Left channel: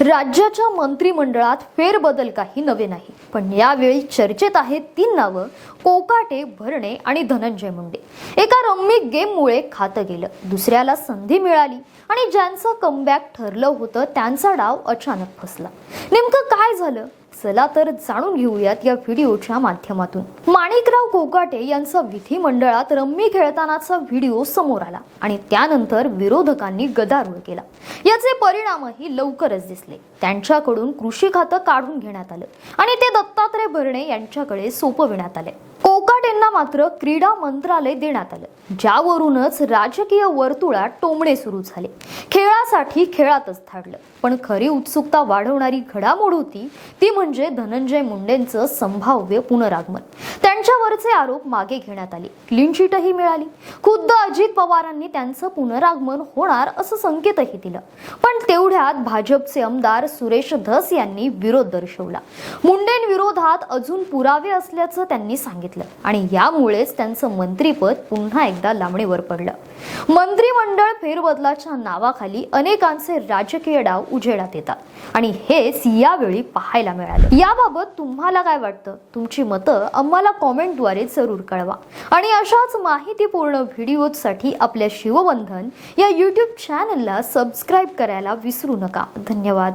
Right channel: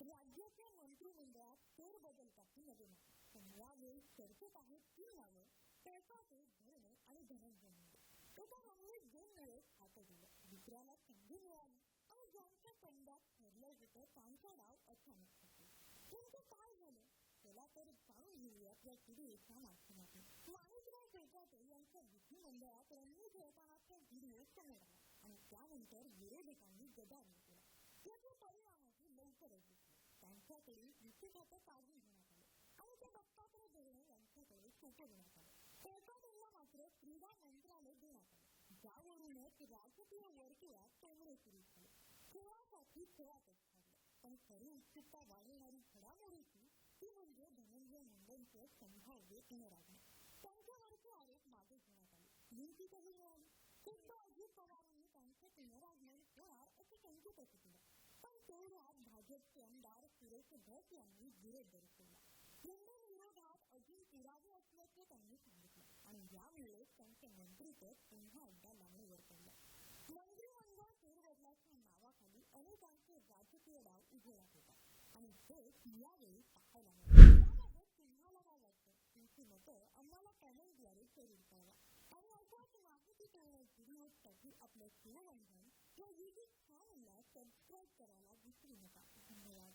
राज्याच्या मंत्रिमंडळात फेरबदल काही नवे नाही. पण यावेळी चर्चेत आहेत तीन नावं कोकाटे भरणे आणि धनंजय मुंडे. एका रम्मी गेममुळे खातं गेलं. दुसऱ्याला संधी मिळाली आणि ज्यांचं कमबॅक ठरलं होतं त्यांचा डाव अचानक फसला. नेमकं काय झालं? चला तर जाणून घेऊयात या व्हिडिओच्या माध्यमातून. माणिकराव कोकाटे यांचा विधिमंडळात रम्मी खेळतानाचा व्हिडिओ समोर आला आणि त्यानंतर विरोधकांनी गदारोळ केला. याचे परिणामही लवकरच दिसले. त्यांच्याकडून कृषी खातं काढून घेण्यात आलं आणि ते दत्तात्रय भरणे यांच्याकडे सोपविण्यात आले. मात्र क्रीडा मंत्रालय देण्यात आलं. ज्यावरूनच राजकीय वर्तुळात टोमणे सुरू झाले. खेळासाठी खेळातच थाडलं पण खरी उत्सुकता वाढवणारी घडामोड होती ती म्हणजे धनंजय मुंडेंचं संभाव्य पुनरागमन. त्यांच्यावरचे आरोप मागे घेण्यात आले. क्लीनचिटही मिळाली. खुद्द अजित पवारांनी त्यांचं पुनरागमन होणार असं संकेतही दिलं. पण तेवढ्यात भाजपचे आमदार सुरेश धस यांनी विरोध दर्शवला. मुंडेंविरोधात अजून पुरावे असल्याचं त्यांनी सांगितलं. आणि या यामुळेच त्यांचं मंत्रीपद पुन्हा एकदा लांबणीवर पडलं. मंत्रिमंडळ फेरबदलाच्या नावाखाली अनेकांचे राजकीय डाव उजेडात येतात. आणि हेच यावेळी पाहायला मिळालं. याबाबत तुम्हाला काय वाटतं? तुमची मतं आम्हाला कॉमेंटद्वारे जरूर कळवा. आणि अशाच माहितीपूर्ण व्हिडिओसाठी आपल्या शिवबंधन या यूट्यूब चॅनलला सबस्क्राईब करायला विसरू नका. धन्यवाद.